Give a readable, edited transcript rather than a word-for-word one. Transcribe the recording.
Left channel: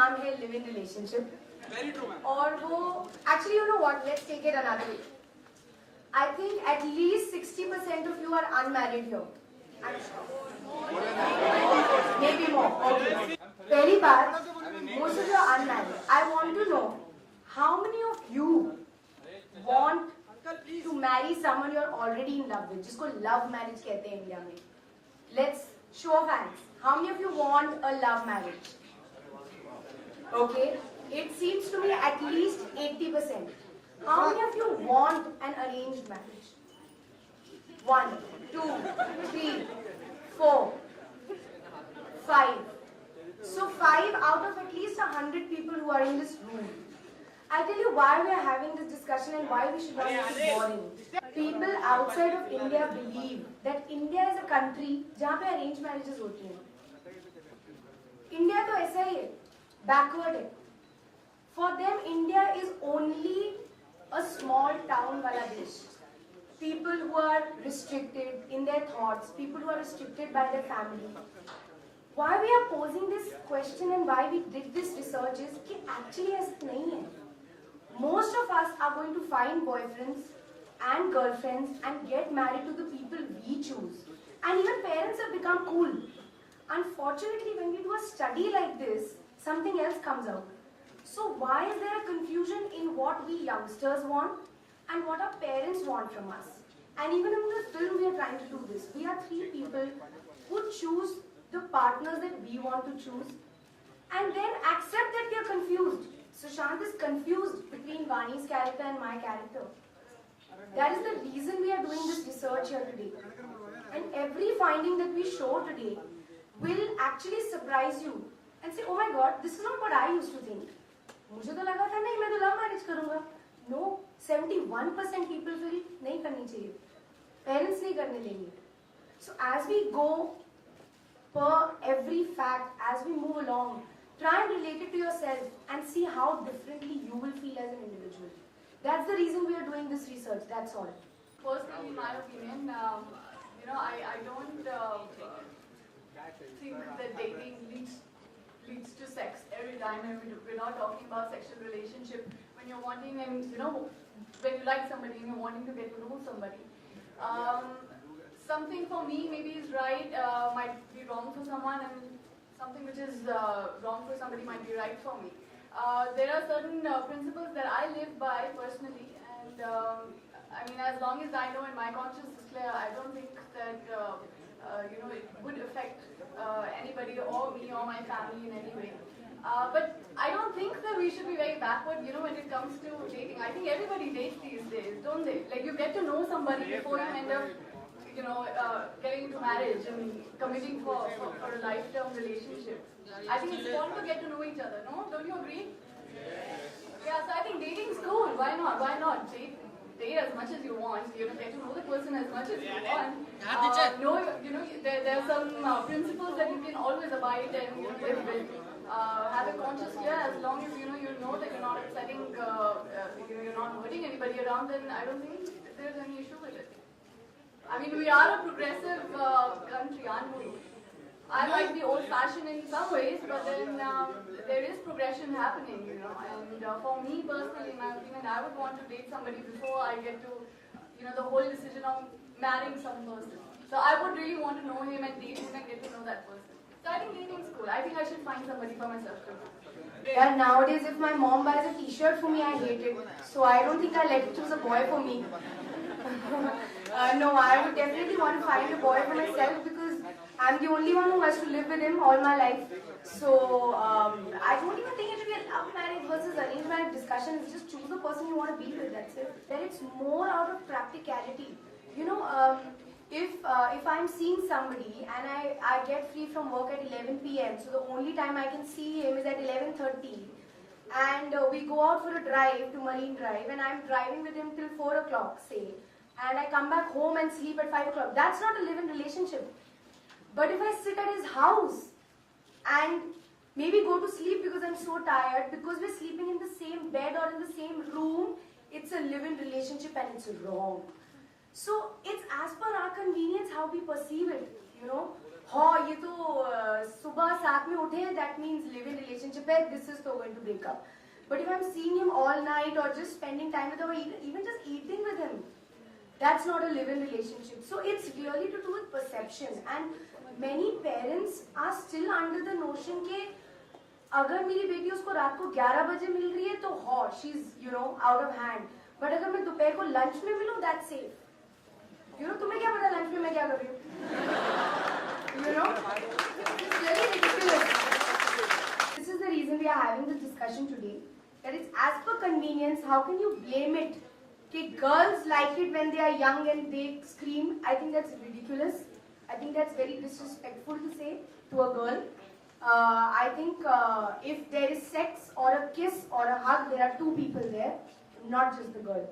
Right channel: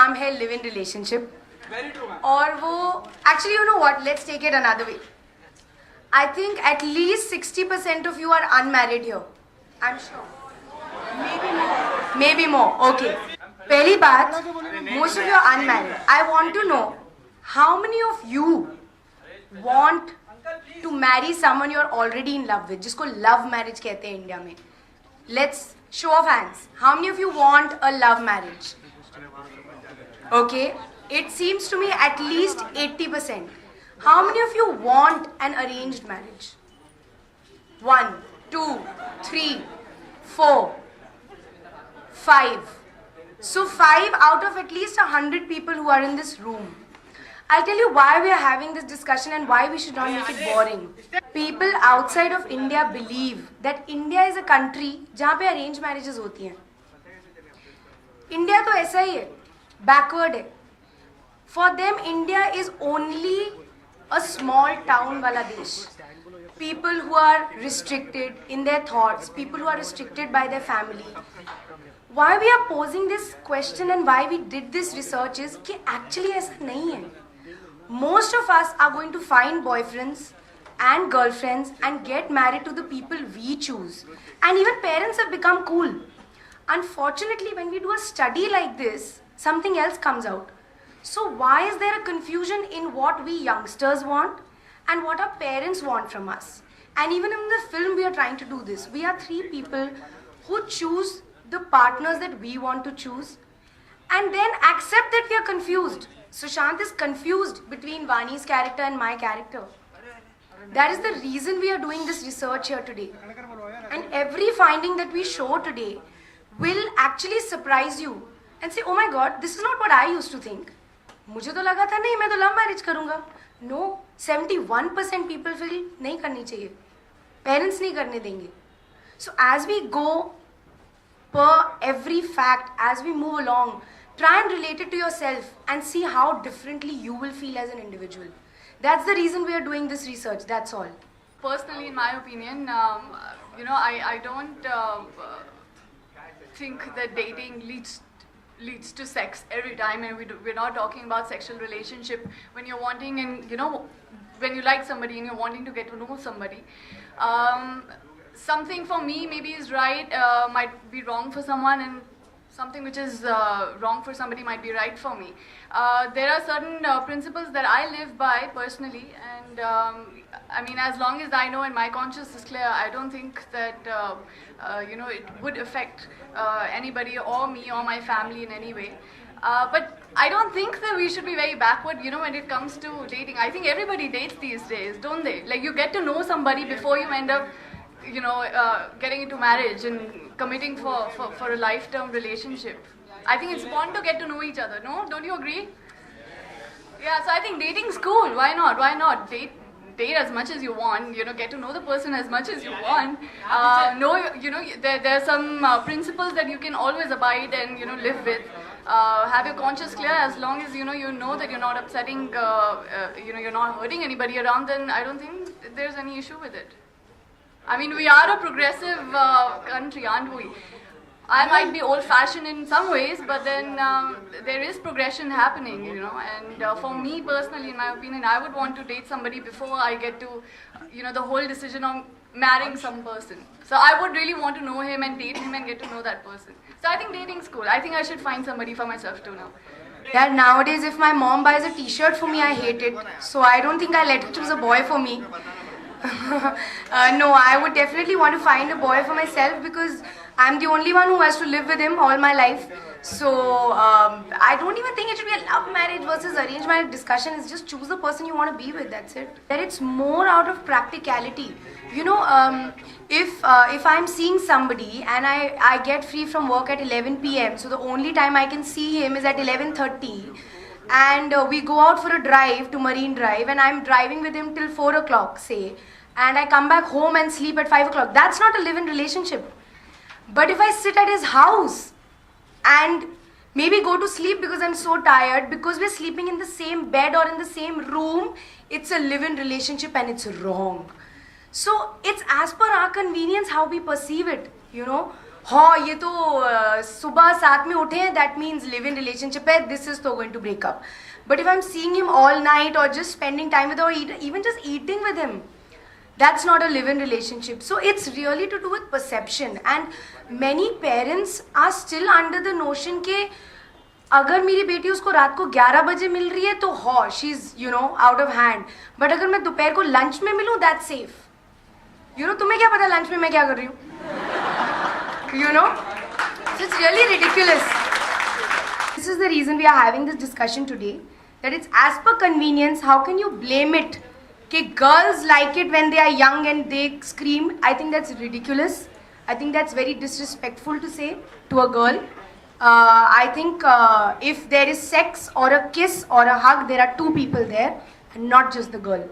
नाम है live in relationship. और वो actually you know what, let's take it another way. I think at least 60% of you are unmarried here. I'm sure. Maybe more. Okay. पहली बात, most of you are unmarried. I want to know how many of you want to marry someone you're already in love with, जिसको love marriage कहते हैं India में. Let's show of hands. How many of you want a love marriage? Okay. It seems to me at least 80%. How many of you want an arranged marriage? 1, 2, 3, 4, 5. So 5 out of at least 100 people who are in this room. I'll tell you why we are having this discussion and why we should not make it boring. People outside of India believe that India is a country जहाँ पे arranged marriages होती हैं. India तो ऐसा ही है, backward है. For them, India is only a small town wala desh. People who are restricted in their thoughts, people who are restricted by their family. Why we are posing this question and why we did this research is कि actually ऐसा नहीं है. Most of us are going to find boyfriends and girlfriends and get married to the people we choose. And even parents have become cool. Unfortunately, when we do a study like this, something else comes out. So why is there a confusion in what we youngsters want and what our parents want from us? And even in the film we are trying to do this. We are 3 people who choose the partners that we want to choose and then accept that we are confused. Sushant is confused between Vani's character and my character. That is the reason we are doing this research here today. And every finding that we show today will actually surprise you and say, oh my God, this is not what I used to think. मुझे तो लगा था नहीं मैं तो love marriage करूंगा. No, 71% people feel नहीं करनी चाहिए, पेरेंट्स नहीं करने देंगे. So as we go per every fact, as we move along, try and relate it to yourself and see how differently you will feel as an individual. That's the reason we are doing this research, that's all. Personally, in my opinion, I don't think that dating leads to sex every time, and we're not talking about sexual relationship when you're wanting, and when you like somebody and you're wanting to get to know somebody. Something for me maybe is right, might be wrong for someone, and something which is wrong for somebody might be right for me. There are certain principles that I live by personally, and I mean, as long as I know and my conscience is clear, I don't think that it would affect anybody or me or my family in any way. But I don't think that we should be very backward, when it comes to dating. I think everybody dates these days, don't they? Like, you get to know somebody before you end up, getting into marriage and committing for a lifetime relationship. I think it's important to get to know each other, no? Don't you agree? Yeah, so I think dating's cool. Why not? Why not? Date as much as you want, get to know the person as much as you want. There are some principles that you can always abide and, live with. Have your conscience clear. As long as, you know that you're not upsetting, you're not hurting anybody around, then I don't think there's any issue with it. I mean, we are a progressive country, aren't we? I might be old-fashioned in some ways, but then there is progression happening, and for me personally, in my opinion, I would want to date somebody before I get to, the whole decision of marrying some person. So I would really want to know him and date him and get to know that person. So I think dating's cool. I think I should find somebody for myself too now. Yeah, nowadays if my mom buys a t-shirt for me, I hate it. So I don't think I'll let her choose a boy for me. No, I would definitely want to find a boy for myself because I'm the only one who has to live with him all my life. So I don't even think it should be a love marriage versus arranged marriage discussion. It's just choose the person you want to be with, that's it. That it's more out of practicality. If I'm seeing somebody and I get free from work at 11 p.m. so the only time I can see him is at 11:30, and we go out for a drive to Marine Drive and I'm driving with him till 4 o'clock, say, and I come back home and sleep at 5 o'clock. That's not a live-in relationship. But if I sit at his house and maybe go to sleep because I'm so tired, because we're sleeping in the same bed or in the same room, it's a live-in relationship and it's wrong. So it's as per our convenience how we perceive it, हाँ ये तो सुबह साथ में उठे हैं, that means live in relationship है, this is तो going to break up. But if I'm seeing him all night or just spending time with him or even just eating with him, that's not a live-in relationship. So it's really to do with perception, and many parents are still under the notion के अगर मेरी बेटी उसको रात को 11 बजे मिल रही है तो हाँ she is you know out of hand, but अगर मैं दोपहर को लंच में मिलूँ दैट्स सेफ. यू नो तुम्हें क्या पता लंच में मैं क्या कर रही हूँ? You know, so it's really ridiculous. This is the reason we are having this discussion today, that it's as per convenience. How can you blame it? Okay, girls like it when they are young and they scream. I think that's ridiculous. I think that's very disrespectful to say to a girl. I think if there is sex or a kiss or a hug, there are two people there and not just the girl.